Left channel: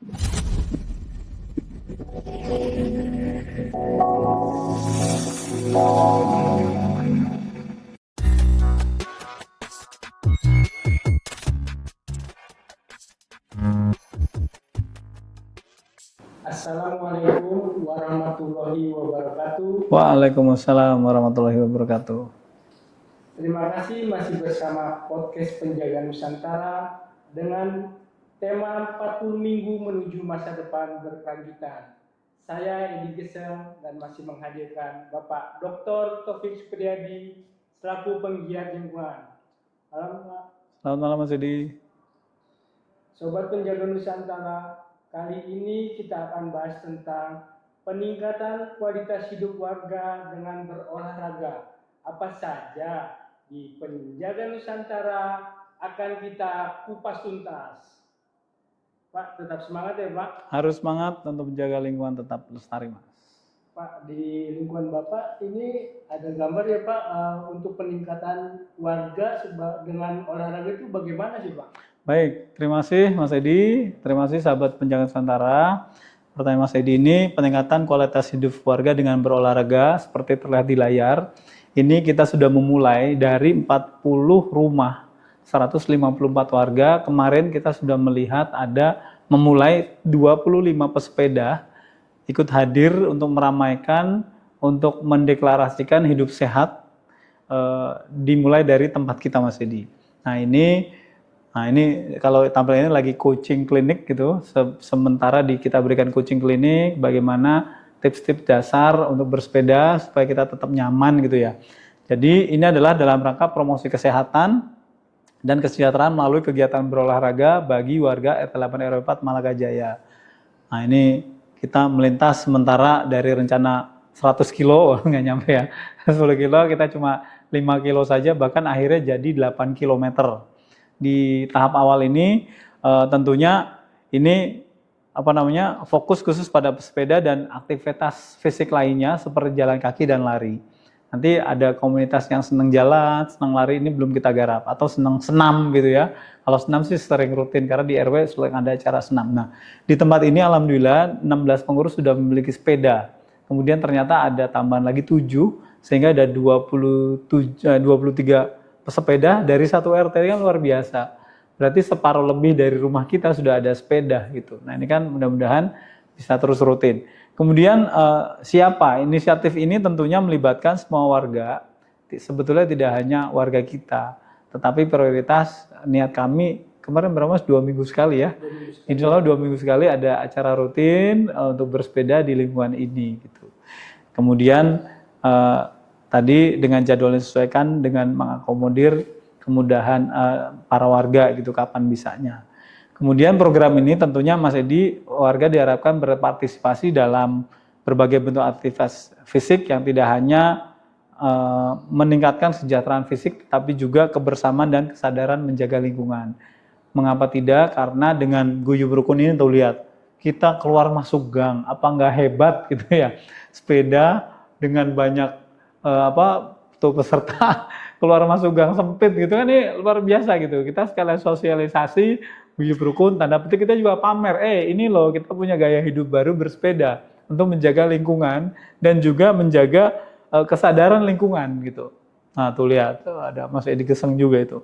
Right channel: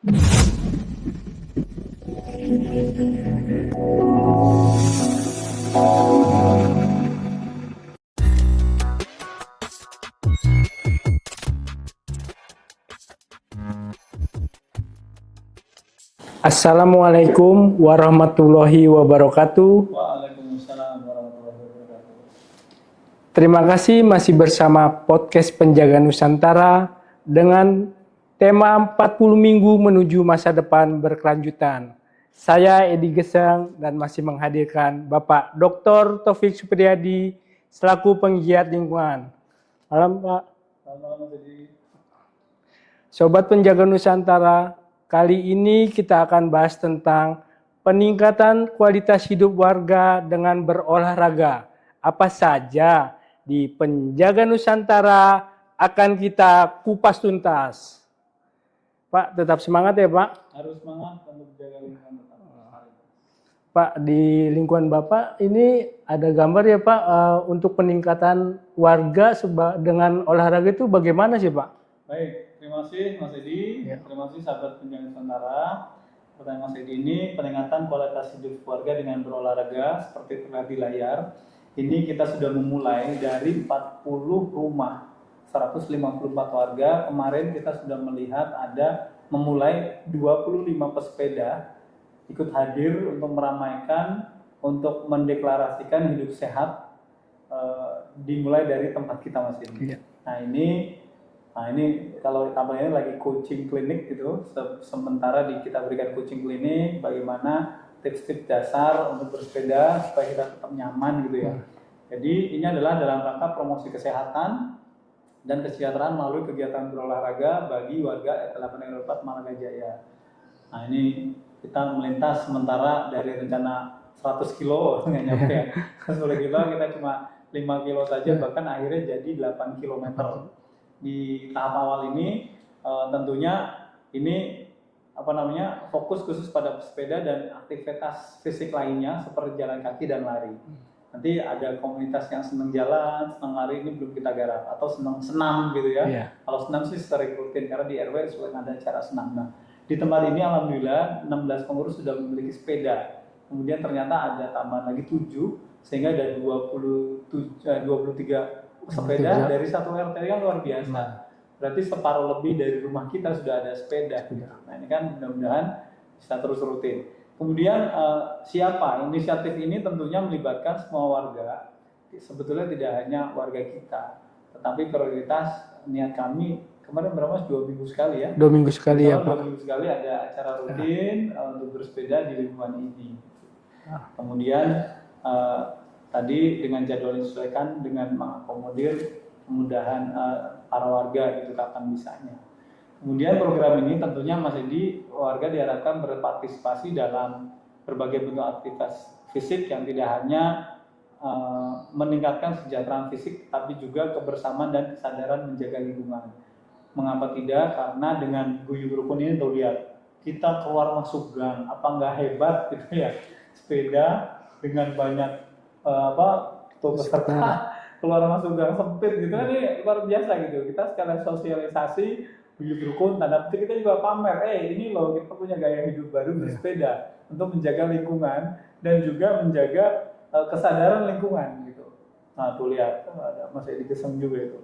Assalamualaikum warahmatullahi wabarakatuh. Waalaikumsalam warahmatullahi wabarakatuh. Terima kasih masih bersama podcast Penjaga Nusantara dengan tema 40 minggu menuju masa depan berkelanjutan. Saya Edi Gesang dan masih menghadirkan Bapak Dr. Taufik Supriyadi selaku penggiat lingkungan. Malam Pak. Selamat malam Mas Edi. Sobat Penjaga Nusantara, kali ini kita akan bahas tentang peningkatan kualitas hidup warga dengan berolahraga. Apa saja di Penjaga Nusantara akan kita kupas tuntas. Pak, tetap semangat ya Pak. Harus semangat untuk menjaga lingkungan tetap lestari, Mas. Pak, di lingkungan Bapak ini ada gambar ya Pak untuk peningkatan warga dengan olahraga itu bagaimana sih Pak? Baik, terima kasih Mas Edi. Terima kasih sahabat Penjaga Nusantara. Pertanyaan Mas Edi ini peningkatan kualitas hidup warga dengan berolahraga seperti terlihat di layar. Ini kita sudah memulai dari 40 rumah, 154 warga. Kemarin kita sudah melihat ada memulai 25 pesepeda ikut hadir untuk meramaikan, untuk mendeklarasikan hidup sehat dimulai dari tempat kita Mas Edi. Nah ini kalau tampil ini lagi coaching klinik gitu. Sementara kita berikan coaching klinik bagaimana tips-tips dasar untuk bersepeda supaya kita tetap nyaman gitu ya. Jadi ini adalah dalam rangka promosi kesehatan dan kesejahteraan melalui kegiatan berolahraga bagi warga RT 8 RW 4 Malaga Jaya. Nah ini kita melintas sementara dari rencana 100 kilo nggak nyampe ya. 10 kilo kita cuma 5 kilo saja, bahkan akhirnya jadi 8 kilometer. Di tahap awal ini tentunya ini fokus khusus pada sepeda dan aktivitas fisik lainnya seperti jalan kaki dan lari. Nanti ada komunitas yang senang jalan, senang lari, ini belum kita garap, atau senang senam gitu ya. Kalau senam sih sering rutin karena di RW sering ada acara senam. Nah, di tempat ini alhamdulillah 16 pengurus sudah memiliki sepeda. Kemudian ternyata ada tambahan lagi 7 sehingga ada 23 pesepeda dari satu RT, kan luar biasa. Berarti separuh lebih dari rumah kita sudah ada sepeda gitu. Nah, ini kan mudah-mudahan bisa terus rutin. Kemudian siapa? Inisiatif ini tentunya melibatkan semua warga. Sebetulnya tidak hanya warga kita, tetapi prioritas niat kami kemarin berapa Mas? 2 minggu sekali ya? 2 minggu sekali. Insya Allah 2 minggu sekali ada acara rutin untuk bersepeda di lingkungan ini. Gitu. Kemudian tadi dengan jadwal disesuaikan dengan mengakomodir kemudahan para warga gitu kapan bisanya. Kemudian program ini tentunya Mas Edi, warga diharapkan berpartisipasi dalam berbagai bentuk aktivitas fisik yang tidak hanya meningkatkan kesejahteraan fisik, tapi juga kebersamaan dan kesadaran menjaga lingkungan. Mengapa tidak? Karena dengan guyub rukun ini tuh lihat, kita keluar masuk gang, apa nggak hebat gitu ya? Sepeda dengan banyak peserta keluar masuk gang sempit gitu kan, ini luar biasa gitu. Kita sekalian sosialisasi guyub rukun, tanda petik kita juga pamer, ini loh kita punya gaya hidup baru bersepeda untuk menjaga lingkungan dan juga menjaga kesadaran lingkungan gitu. Nah tuh lihat, ada Mas Edi Gesang juga itu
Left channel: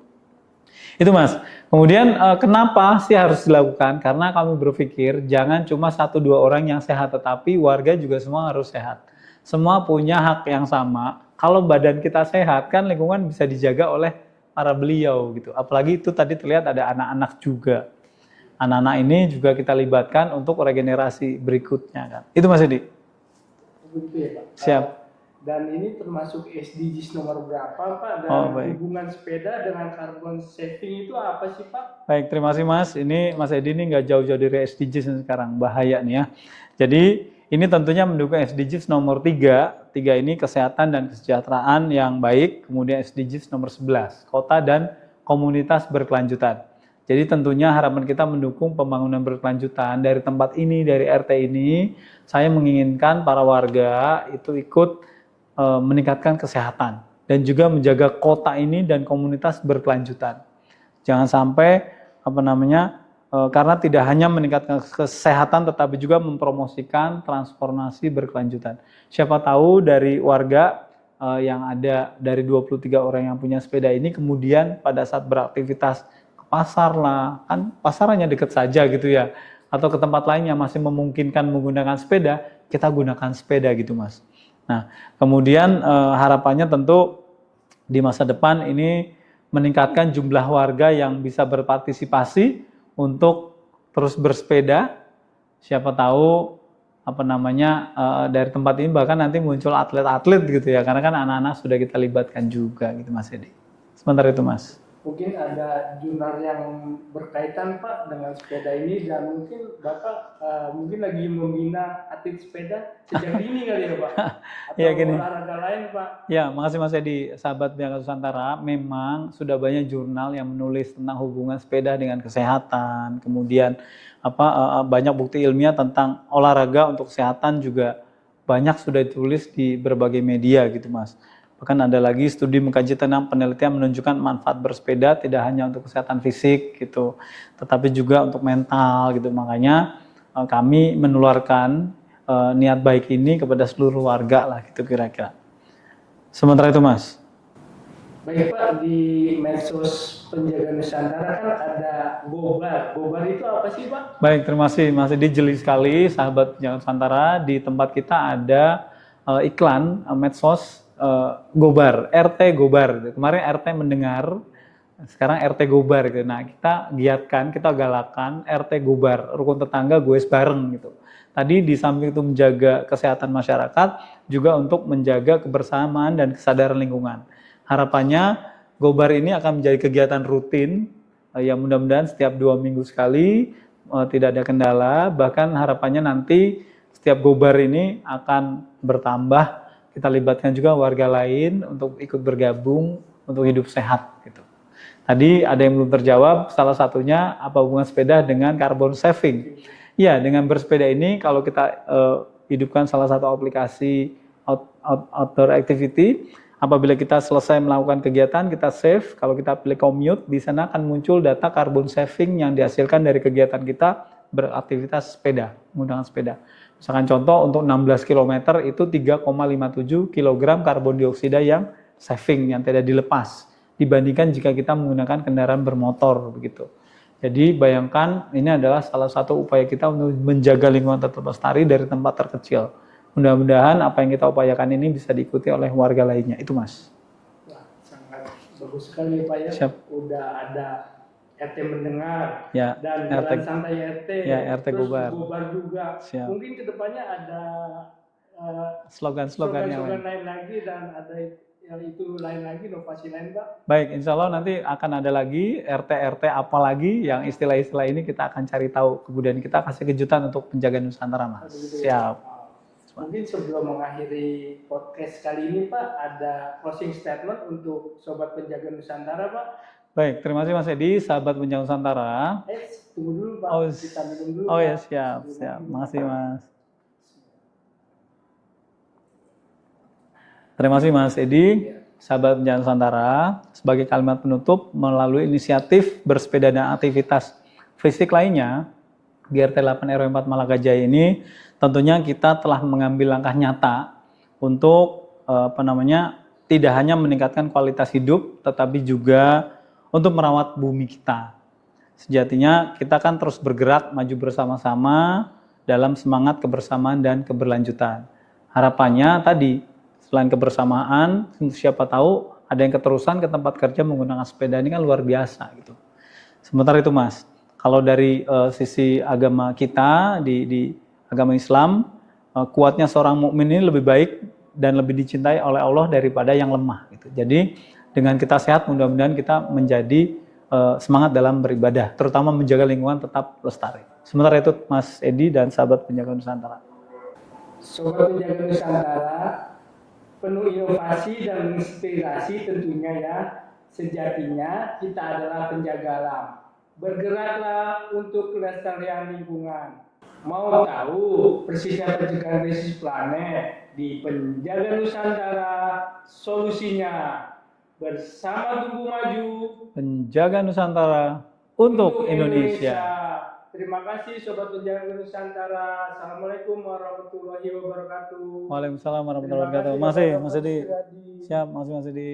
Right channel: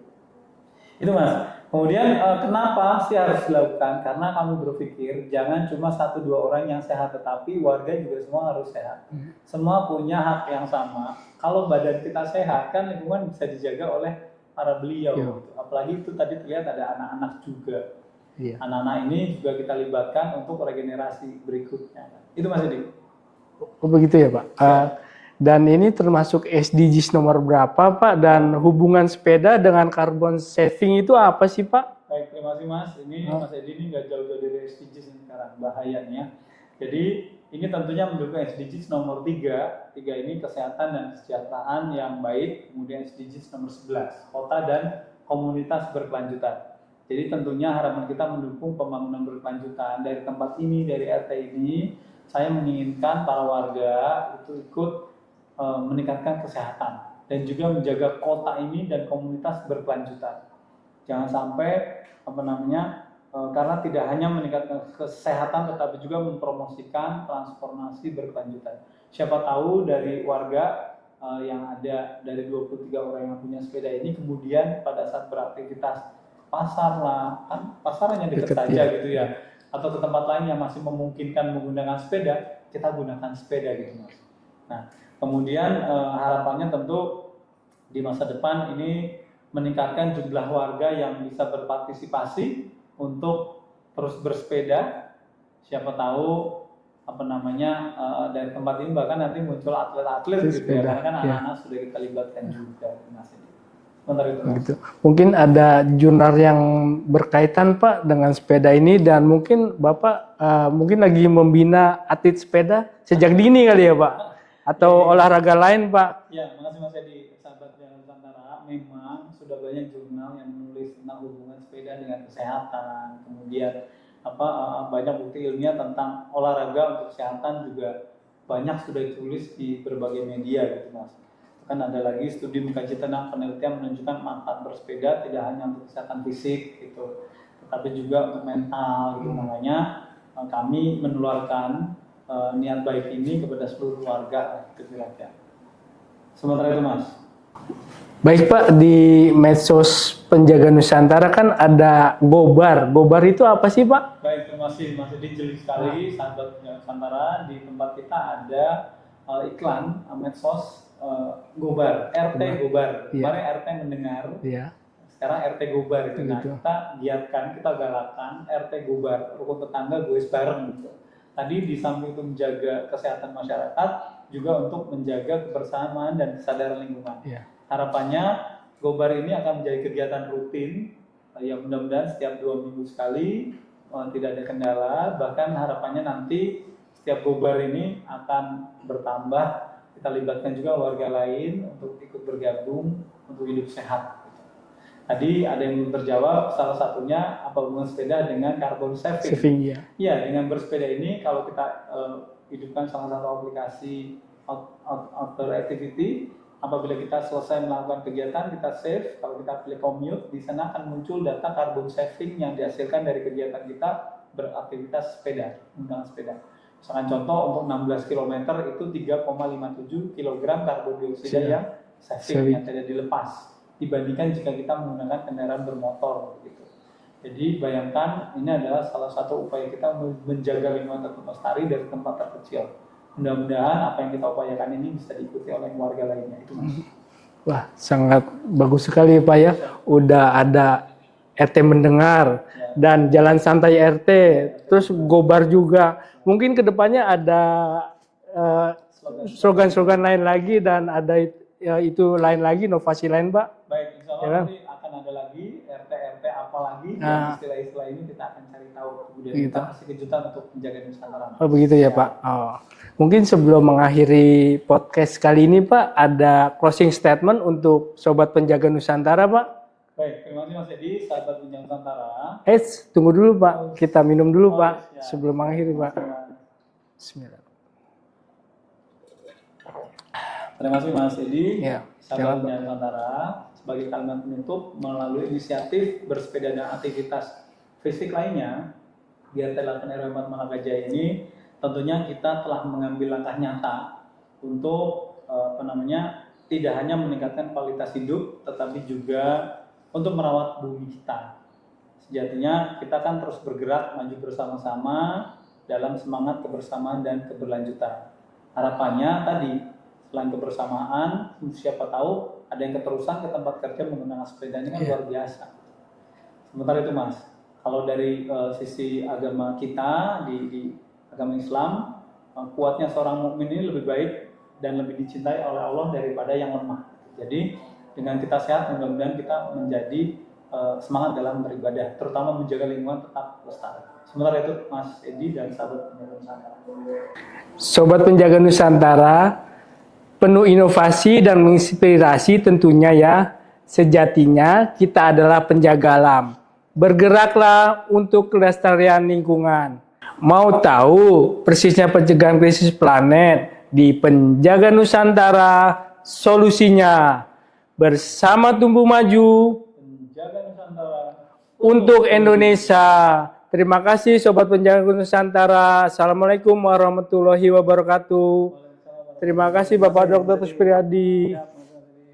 Mas. Kemudian kenapa sih harus dilakukan? Karena kami berpikir jangan cuma 1-2 orang yang sehat, tetapi warga juga semua harus sehat. Semua punya hak yang sama. Kalau badan kita sehat kan lingkungan bisa dijaga oleh para beliau gitu. Apalagi itu tadi terlihat ada anak-anak juga. Anak-anak ini juga kita libatkan untuk regenerasi berikutnya kan. Itu Mas Edi. Oh begitu ya Pak. Siap. Dan ini termasuk SDGs nomor berapa Pak? Dan hubungan sepeda dengan carbon saving itu apa sih Pak? Baik, terima kasih Mas. Ini Mas Edi ini nggak jauh-jauh dari SDGs sekarang, bahaya nih ya. Jadi ini tentunya mendukung SDGs nomor 3. 3 ini kesehatan dan kesejahteraan yang baik. Kemudian SDGs nomor 11, kota dan komunitas berkelanjutan. Jadi tentunya harapan kita mendukung pembangunan berkelanjutan dari tempat ini, dari RT ini. Saya menginginkan para warga itu ikut meningkatkan kesehatan dan juga menjaga kota ini dan komunitas berkelanjutan. Jangan sampai karena tidak hanya meningkatkan kesehatan tetapi juga mempromosikan transformasi berkelanjutan. Siapa tahu dari warga yang ada dari 23 orang yang punya sepeda ini kemudian pada saat beraktivitas ke pasar lah, kan pasarnya dekat saja gitu ya, atau ke tempat lain yang masih memungkinkan menggunakan sepeda, kita gunakan sepeda gitu Mas. Nah kemudian harapannya tentu di masa depan ini meningkatkan jumlah warga yang bisa berpartisipasi untuk terus bersepeda. Siapa tahu dari tempat ini bahkan nanti muncul atlet-atlet gitu ya, karena kan anak-anak sudah kita libatkan juga gitu Mas Edi. Sebentar itu Mas. Mungkin ada jurnal yang berkaitan Pak dengan sepeda ini, dan mungkin Bapak mungkin lagi membina atlet sepeda sejak dini kali ya Pak, atau Ya, olahraga lain Pak. Ya, makasih Mas Edi. Sahabat Biangka Nusantara, memang sudah banyak jurnal yang menulis tentang hubungan sepeda dengan kesehatan, kemudian banyak bukti ilmiah tentang olahraga untuk kesehatan juga banyak sudah ditulis di berbagai media gitu Mas. Bahkan ada lagi studi mengkaji tentang penelitian menunjukkan manfaat bersepeda tidak hanya untuk kesehatan fisik gitu, tetapi juga untuk mental gitu. Makanya kami menularkan niat baik ini kepada seluruh warga lah gitu kira-kira. Sementara itu Mas. Baik Pak, di medsos Penjaga Nusantara kan ada Gobar. Gobar itu apa sih Pak? Baik, terima kasih Mas Edi, jeli sekali sahabat Penjaga Nusantara. Di tempat kita ada iklan medsos Gobar, RT Gobar. Kemarin RT mendengar, sekarang RT Gobar gitu. Nah kita giatkan, kita galakan RT Gobar, rukun tetangga goes bareng gitu. Tadi di samping itu menjaga kesehatan masyarakat, juga untuk menjaga kebersamaan dan kesadaran lingkungan. Harapannya Gobar ini akan menjadi kegiatan rutin yang mudah-mudahan setiap 2 minggu sekali, tidak ada kendala. Bahkan harapannya nanti setiap Gobar ini akan bertambah, kita libatkan juga warga lain untuk ikut bergabung untuk hidup sehat. Gitu. Tadi ada yang belum terjawab, salah satunya apa hubungan sepeda dengan carbon saving. Ya, dengan bersepeda ini kalau kita hidupkan salah satu aplikasi outdoor activity, apabila kita selesai melakukan kegiatan, kita save. Kalau kita pilih commute, di sana akan muncul data carbon saving yang dihasilkan dari kegiatan kita beraktivitas sepeda, menggunakan sepeda. Misalkan contoh untuk 16 km itu 3,57 kg karbon dioksida yang saving, yang tidak dilepas, dibandingkan jika kita menggunakan kendaraan bermotor begitu. Jadi bayangkan ini adalah salah satu upaya kita untuk menjaga lingkungan tetap lestari dari tempat terkecil. Mudah-mudahan apa yang kita upayakan ini bisa diikuti oleh warga lainnya. Itu Mas. Wah, sangat bagus sekali Pak ya. Siap. Udah ada RT mendengar dan Jalan Santai RT, terus Gobar juga. Siap. Mungkin kedepannya ada slogan-slogan lain lagi, dan ada itu lain lagi, inovasi lain Pak. Baik, insya Allah nanti akan ada lagi RT apa lagi yang istilah-istilah ini kita akan cari tahu. Kemudian kita kasih kejutan untuk Penjaga Nusantara Mas. Oh begitu ya Pak. Mungkin sebelum mengakhiri podcast kali ini Pak, ada closing statement untuk Sobat Penjaga Nusantara Pak. Baik, terima kasih Mas Edi, sahabat Penjaga Nusantara. Tunggu dulu Pak, kita minum dulu Pak, sebelum mengakhiri Pak. Terima kasih Mas. Bismillah. Terima kasih Mas Edi, sahabat Penjaga Nusantara. Sebagai kalimat penutup, melalui inisiatif bersepeda dan aktivitas fisik lainnya, GRT 8 RW 4 Malakajaya ini, tentunya kita telah mengambil langkah nyata untuk tidak hanya meningkatkan kualitas hidup, tetapi juga untuk merawat bumi kita. Sejatinya kita kan terus bergerak maju bersama-sama dalam semangat kebersamaan dan keberlanjutan. Harapannya tadi, selain kebersamaan, siapa tahu ada yang keterusan ke tempat kerja menggunakan sepeda, ini kan luar biasa gitu. Sementara itu Mas, kalau dari sisi agama kita di agama Islam, kuatnya seorang mukmin ini lebih baik dan lebih dicintai oleh Allah daripada yang lemah gitu. Jadi dengan kita sehat, mudah-mudahan kita menjadi semangat dalam beribadah, terutama menjaga lingkungan tetap lestari. Sementara itu Mas Edi dan sahabat Penjaga Nusantara. Sobat Penjaga Nusantara, penuh inovasi dan menginspirasi tentunya ya. Sejatinya kita adalah penjaga alam. Bergeraklah untuk kelestarian lingkungan. Mau tahu persisnya pencegahan krisis planet? Di Penjaga Nusantara, solusinya. Bersama tumbuh maju, Penjaga Nusantara untuk Indonesia. Terima kasih Sobat Penjaga Nusantara. Assalamualaikum warahmatullahi wabarakatuh. Waalaikumsalam warahmatullahi Terima wabarakatuh. kasih Bapak Mas Dr. Edi. Kuspriyadi. Siap, makasih Mas Edi.